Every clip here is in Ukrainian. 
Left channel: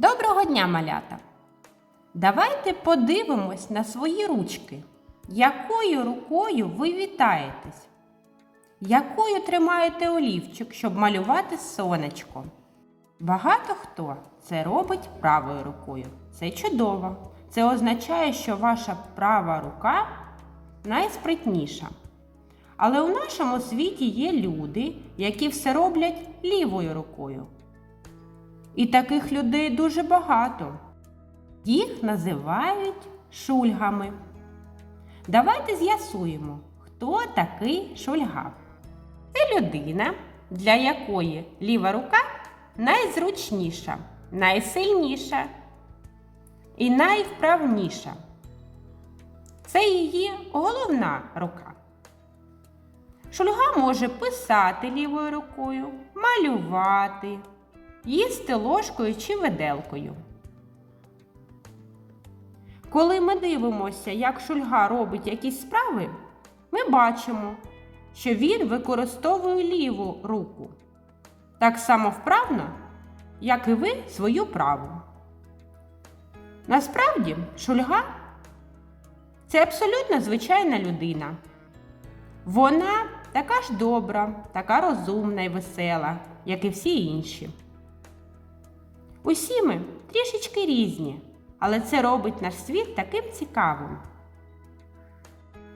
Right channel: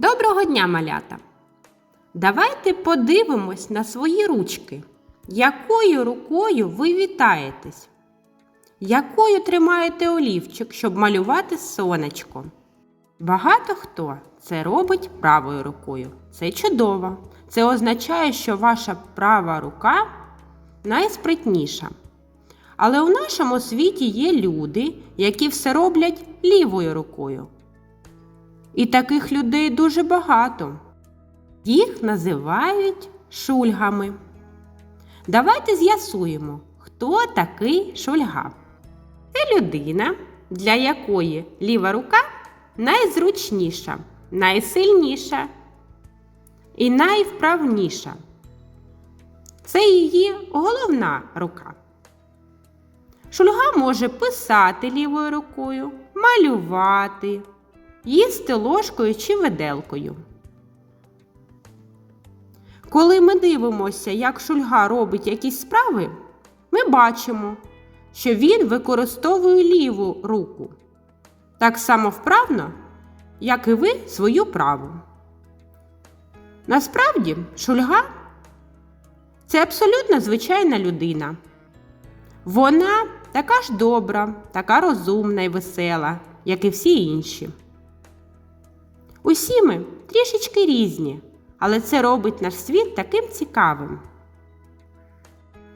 Доброго дня, малята! Давайте подивимось на свої ручки. Якою рукою ви вітаєтесь? Якою тримаєте олівчик, щоб малювати сонечко? Багато хто це робить правою рукою. Це чудово. Це означає, що ваша права рука найспритніша. Але у нашому світі є люди, які все роблять лівою рукою. І таких людей дуже багато. Їх називають шульгами. Давайте з'ясуємо, хто такий шульга. Це людина, для якої ліва рука найзручніша, найсильніша і найвправніша. Це її головна рука. Шульга може писати лівою рукою, малювати, їсти ложкою чи виделкою. Коли ми дивимося, як шульга робить якісь справи, ми бачимо, що він використовує ліву руку так само вправно, як і ви свою праву. Насправді, шульга це абсолютно звичайна людина. Вона така ж добра, така розумна і весела, як і всі інші. Усі ми трішечки різні, але це робить наш світ таким цікавим.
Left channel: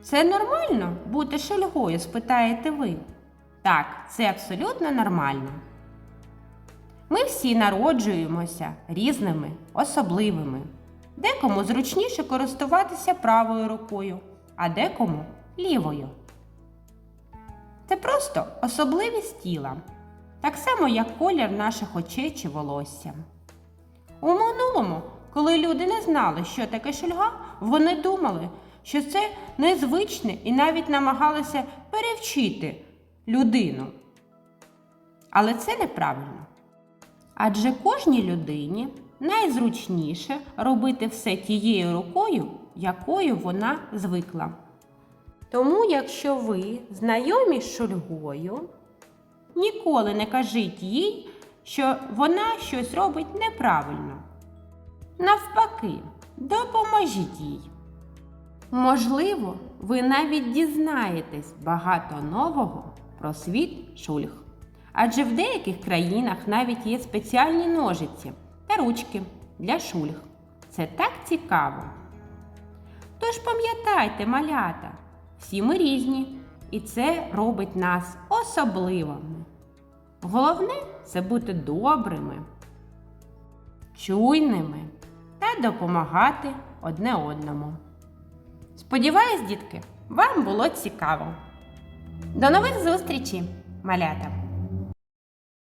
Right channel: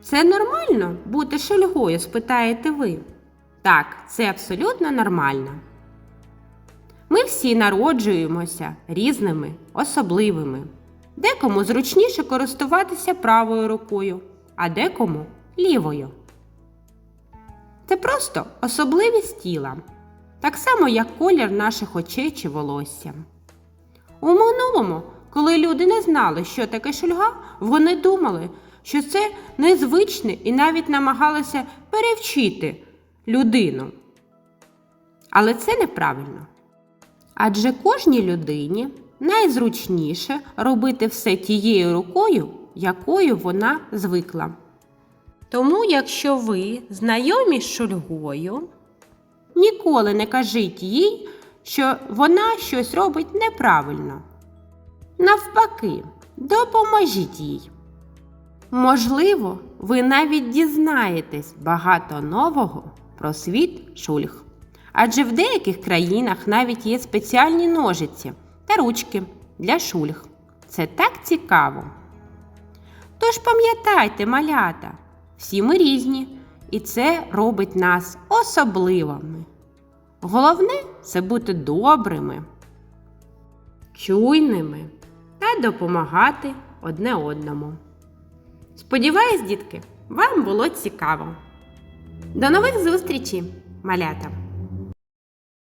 Це нормально бути шульгою, спитаєте ви? Так, це абсолютно нормально. Ми всі народжуємося різними, особливими. Декому зручніше користуватися правою рукою, а декому лівою. Це просто особливість тіла, так само як колір наших очей чи волосся. У минулому, коли люди не знали, що таке шульга, вони думали, що це незвичне і навіть намагалися перевчити людину. Але це неправильно. Адже кожній людині найзручніше робити все тією рукою, якою вона звикла. Тому, якщо ви знайомі з шульгою, ніколи не кажіть їй, що вона щось робить неправильно. Навпаки, допоможіть їй. Можливо, ви навіть дізнаєтесь багато нового про світ шульг. Адже в деяких країнах навіть є спеціальні ножиці та ручки для шульг. Це так цікаво. Тож пам'ятайте, малята, всі ми різні, і це робить нас особливими. Головне це бути добрими, чуйними та допомагати одне одному. Сподіваюсь, дітки, вам було цікаво. До нових зустрічей, малята!